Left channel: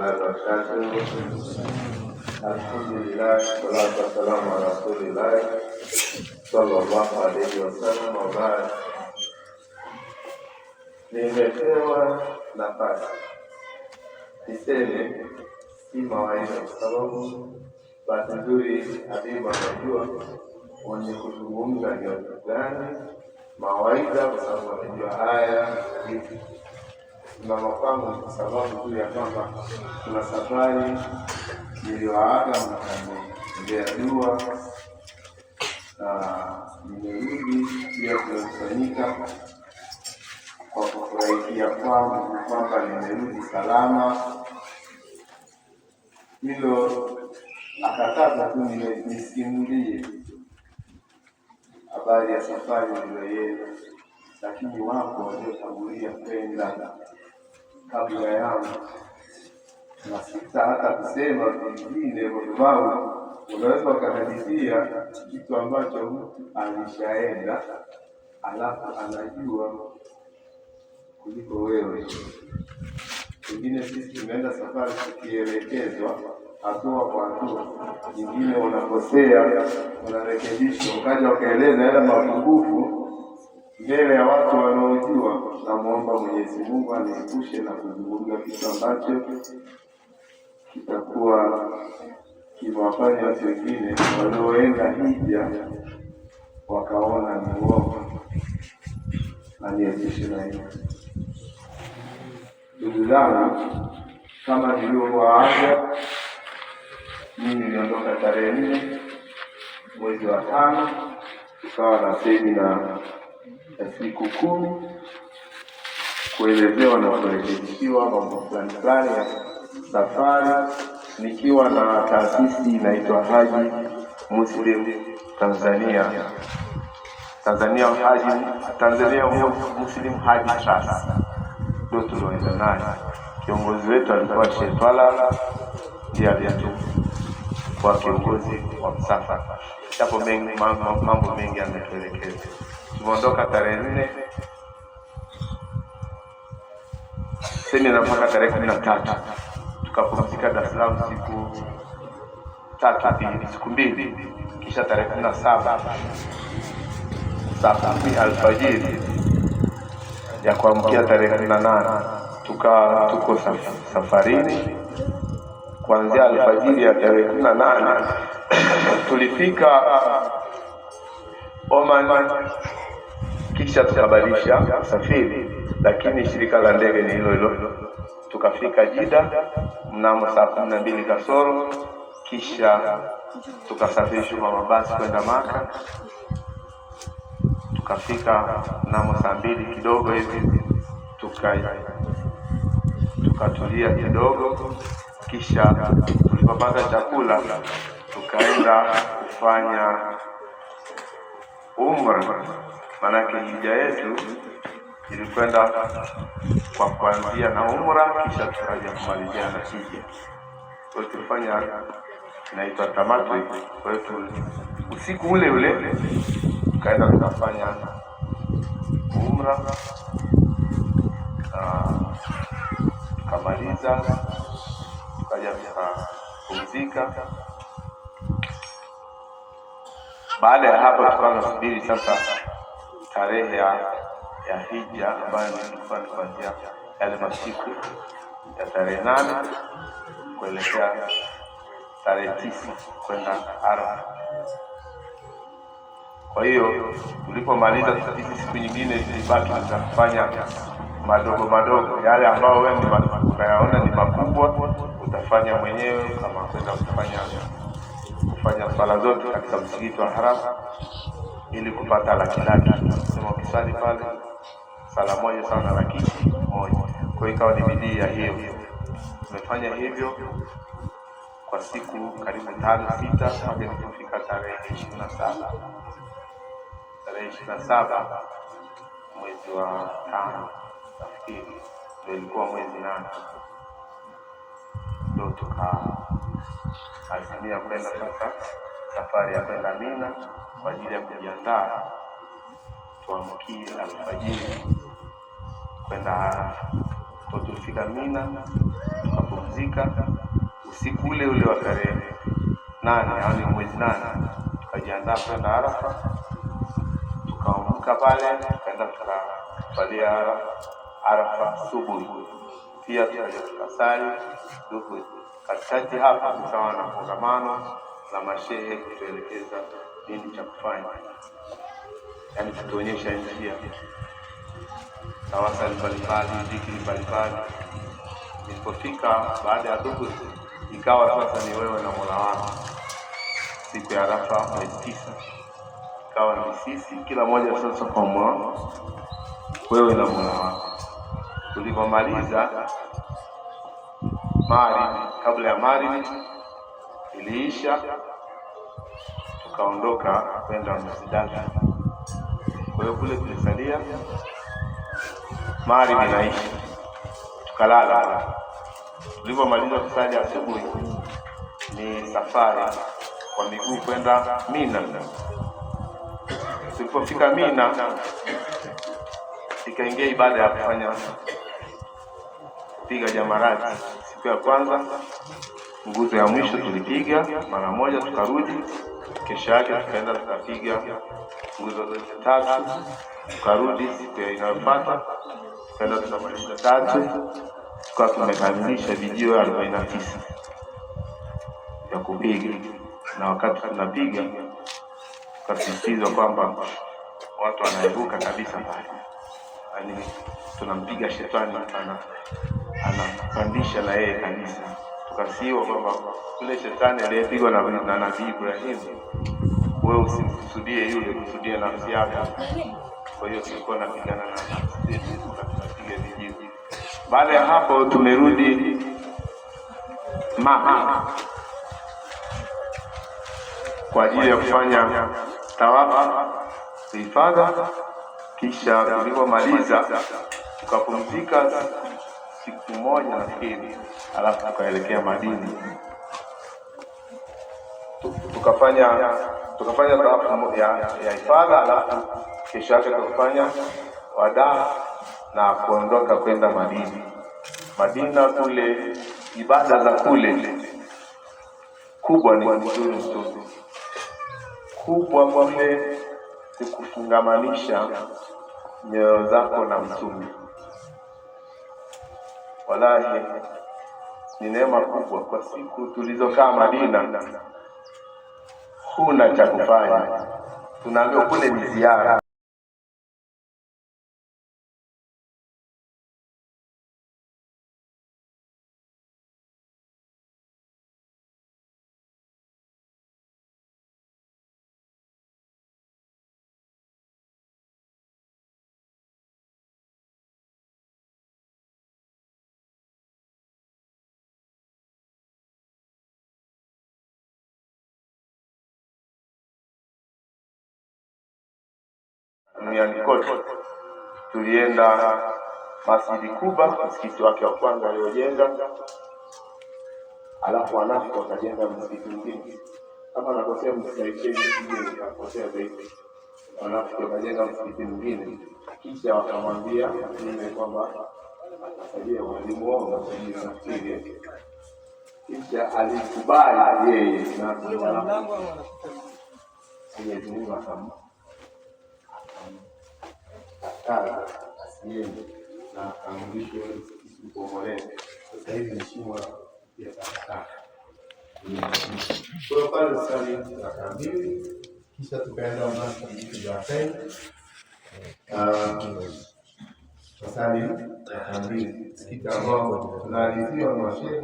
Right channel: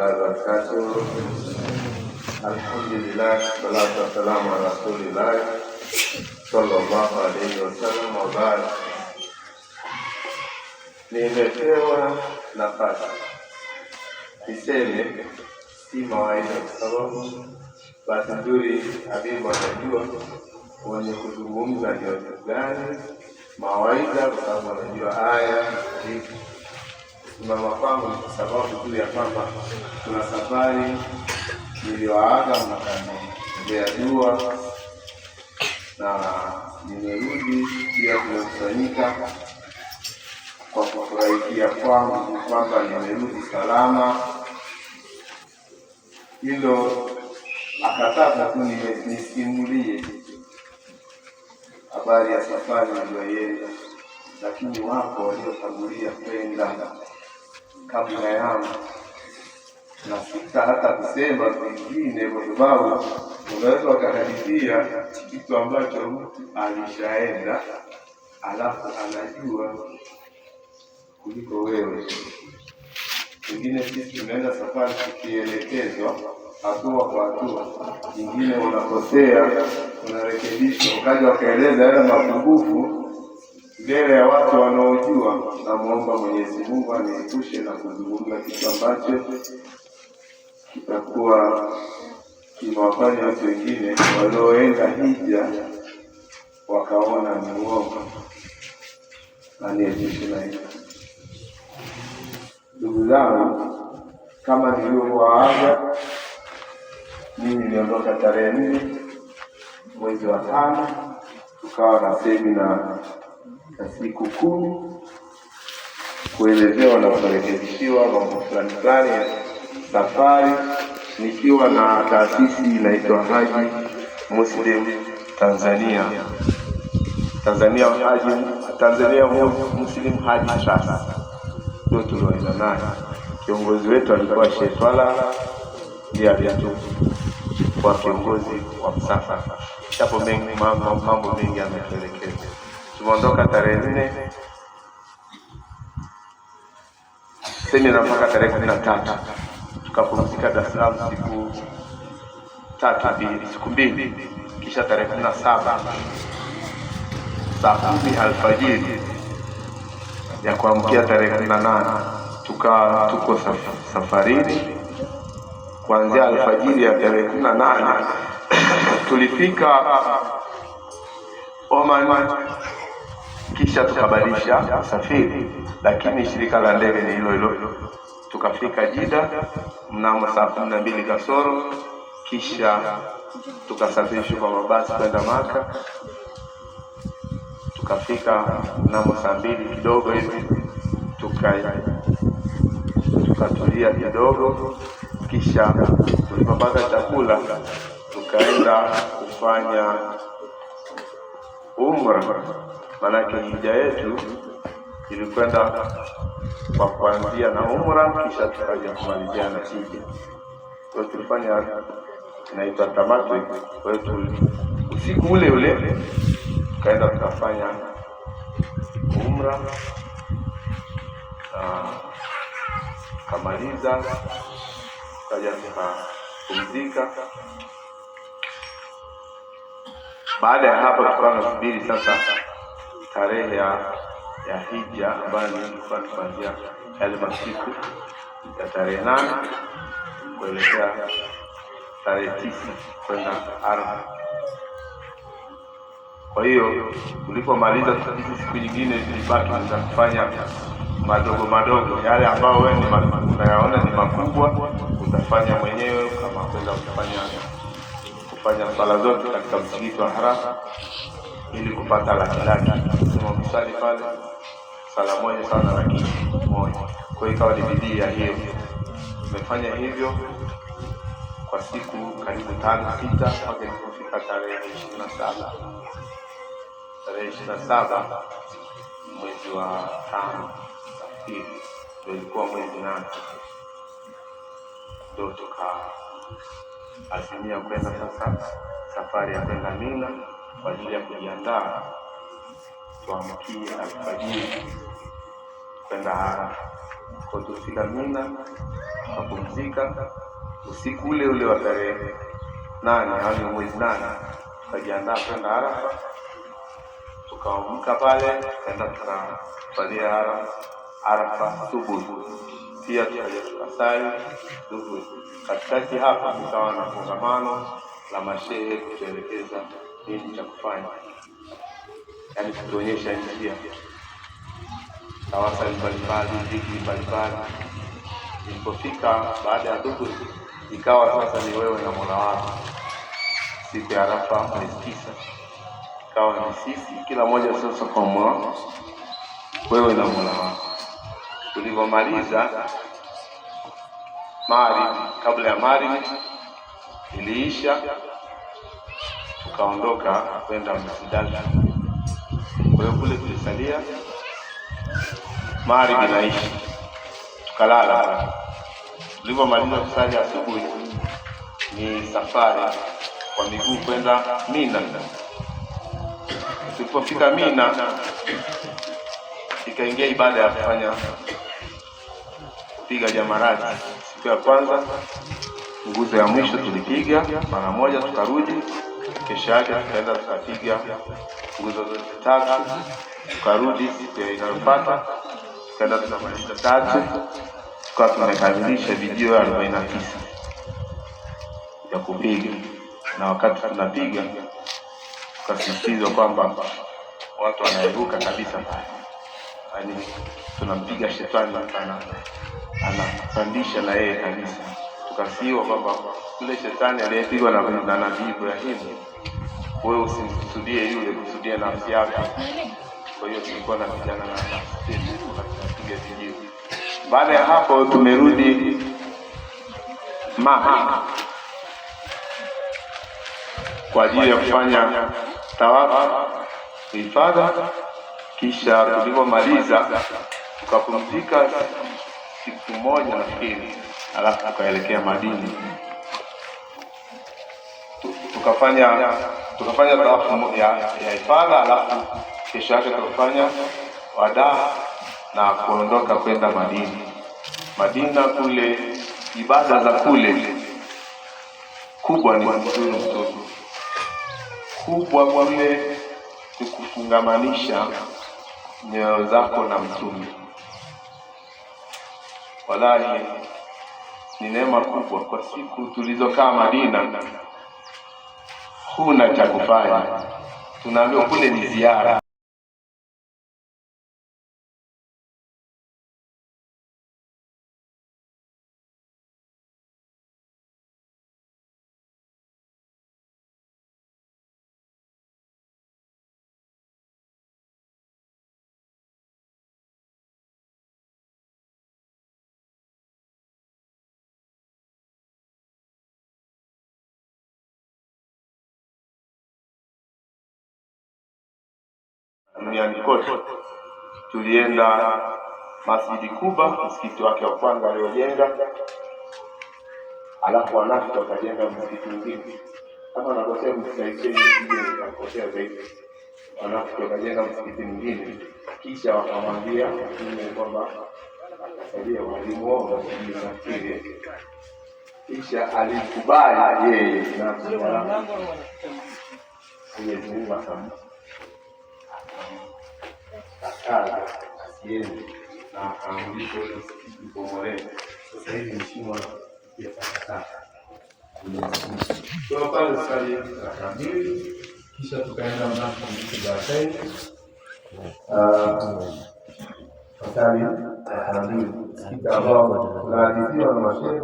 wabarakatuh. Alhamdulillah, salatu wassalamu ala rasulillah sallallahu alayhi wasallam. Wabarak, nimepewa nafasi niseme si mawaidha, kwa sababu bahati nzuri Habibu anajua mwenye kuzungumza ni watu gani mawaidha, kwa sababu anajua haya hiki mama kwangu, kwa sababu tu ya kwamba kuna safari niliwaaga mnakaniombea dua na nimerudi pia kumekusanyika kwa kufurahikia kwangu kwamba nimerudi salama. Hilo akataka tu nisimulie habari ya safari niliyoienda, lakini wapo waliotangulia kwenda kabla yangu, na sita hata kusema vingine, kwa sababu unaweza wakahadithia kitu ambacho mtu alishaenda alafu anajua kuliko wewe. Wengine sisi tunaenda safari tukielekezwa hatua kwa hatua, nyingine unakosea, unarekebishwa, ukaja wakaeleza yale mapungufu mbele ya watu wanaojua. Namuomba Mwenyezi Mungu aniepushe na kuzungumza kitu ambacho kitakuwa kimewafanya watu wengine walioenda hija wakaona ni uongo. Aniepushe na hilo. Ndugu zangu, kama nilivyowaaga, mimi niliondoka tarehe 4 mwezi wa 5, tukawa na semina ya siku 10 kuelezewa na kurekebishiwa mambo fulani ya safari, nikiwa na taasisi inaitwa Haji Muslim Tanzania Muslim Haji Trust. Ndio tulioenda naye. Kiongozi wetu alikuwa Sheikh Twala, ndiye aliyetu kwa kiongozi wa msafara. Hapo mambo mengi yametuelekeza. Tumeondoka tarehe 4 semina mpaka tarehe 13, tukapumzika Dar es Salaam siku mbili, kisha tarehe 17 saa 10 alfajiri ya kuamkia tarehe 18 tuko safarini. Kuanzia alfajiri ya tarehe 18 tulifika Oman, kisha tukabadilisha usafiri, lakini shirika la ndege ni hilo hilo. Tukafika Jeddah mnamo saa 12 kasoro, kisha tukasafirishwa kwa mabasi kwenda Maka. Tukafika mnamo saa 2 kidogo hivi, tukatulia kidogo, kisha tulipopata chakula tukaenda kufanya umra. Manake hija yetu ilikwenda kwa kuanzia na umra, kisha tukaja kumalizia na hija. Kwa hiyo tulifanya inaitwa tamattu. Kwa hiyo usiku ule ule tukaenda tukafanya umra, kamaliza, tukaja tukapumzika. Baada ya hapo tukawa tunasubiri sasa tarehe ya hija, ambayo ilikuwa kuanzia yale masiku ya tarehe 8 kuelekea tarehe 9 kwenda Arafa. Kwa hiyo tulipomaliza siku nyingine tulibaki kufanya madogo yale ambayo wewe unayaona ni makubwa, utafanya mwenyewe, kama kwenda kufanya sala zote katika msikiti wa Haram ili kupata laki. Kama msali pale sala moja sana laki moja. Kwa hiyo ikawa ni bidii ya hiyo. Tumefanya hivyo kwa siku karibu 5-6 mpaka kufika tarehe 27. Tarehe 27 mwezi wa 5 ndio ilikuwa mwezi 8, ndio tukaazimia kwenda sasa safari ya kwenda Mina kwa ajili ya kujiandaa tuamkie alfajiri kwenda Arafa. Kwa tulifika Mina, tukapumzika tukapumzika. Usiku ule ule wa tarehe 8, yaani mwezi 8, tukajiandaa kwenda Arafa. Tukaamka pale tukaenda tukafalia Arafa subuhi, pia tukasali subuhi. Katikati hapa tukawa na kongamano la mashehe kutuelekeza nini cha kufanya, yaani kutuonyesha njia tawasali mbalimbali, dhikri mbalimbali. Ilipofika baada ya dhuhuri, ikawa sasa ni wewe na Mola wako. Siku ya Arafa ni 9, ikawa ni sisi kila mmoja sasa kwa wewe na Mola wako. Tulipomaliza Maghrib, kabla ya Maghrib iliisha, tukaondoka kwenda Muzdalifa. Kwa hiyo kule tulisalia Maghrib inaisha, tukalala. Tulipomaliza kusali asubuhi, ni safari kwa miguu kwenda Mina. Tulipofika Mina, ikaingia ibada ya kufanya kupiga jamarati. Siku ya kwanza nguzo ya mwisho tulipiga mara moja, tukarudi. Kesho yake tukaenda tukapiga nguzo 3, tukarudi. Siku inayofuata tukaenda tukamaliza 3, tukawa tumekamilisha video 49 ya kupiga. Na wakati tunapiga tukasisitiza kwamba watu wanairuka kabisa pale, yaani tunampiga shetani anapandisha na yeye kabisa. Tukasiwa kwamba yule shetani aliyepigwa na Nabii Ibrahim, wewe usimkusudie yule, kusudie nafsi yako. Kwa hiyo tulikuwa na vijana na sisi tukapiga video. Baada ya hapo tumerudi Maka kwa ajili ya kufanya tawafu ifadha. Kisha tulipomaliza tukapumzika siku moja nafikiri, alafu tukaelekea Madina. Tukafanya tawafu ya ifadha, alafu kesho yake tukafanya wadaa na kuondoka kwenda Madina. Madina kule ibada za kule kubwa ni mzuri kubwa kule kukufungamanisha nyoyo zako na Mtume. Wallahi ni neema kubwa. Kwa siku tulizokaa Madina, huna cha kufanya, tunaambiwa kule ni ziara. Kote tulienda Masjidi Kuba, msikiti wake wa kwanza aliojenga, alafu wanafiki wakajenga msikiti mwingine. Hapa nakosea msikiti nakosea zaidi. Wanafiki wakajenga msikiti mwingine, kisha wakamwambia Mtume kwamba atasaidia walimuomba nafikiri, kisha alikubali yeye na Mwenyezi Mungu asiende na akaamrisha kubomolewa. Sasa hivi ni shimo ya takataka. Kwa pale sali raka 2, kisha tukaenda msikiti wa Zaid. Sali raka 2 msikiti ambao tunaadhibiwa na mashehe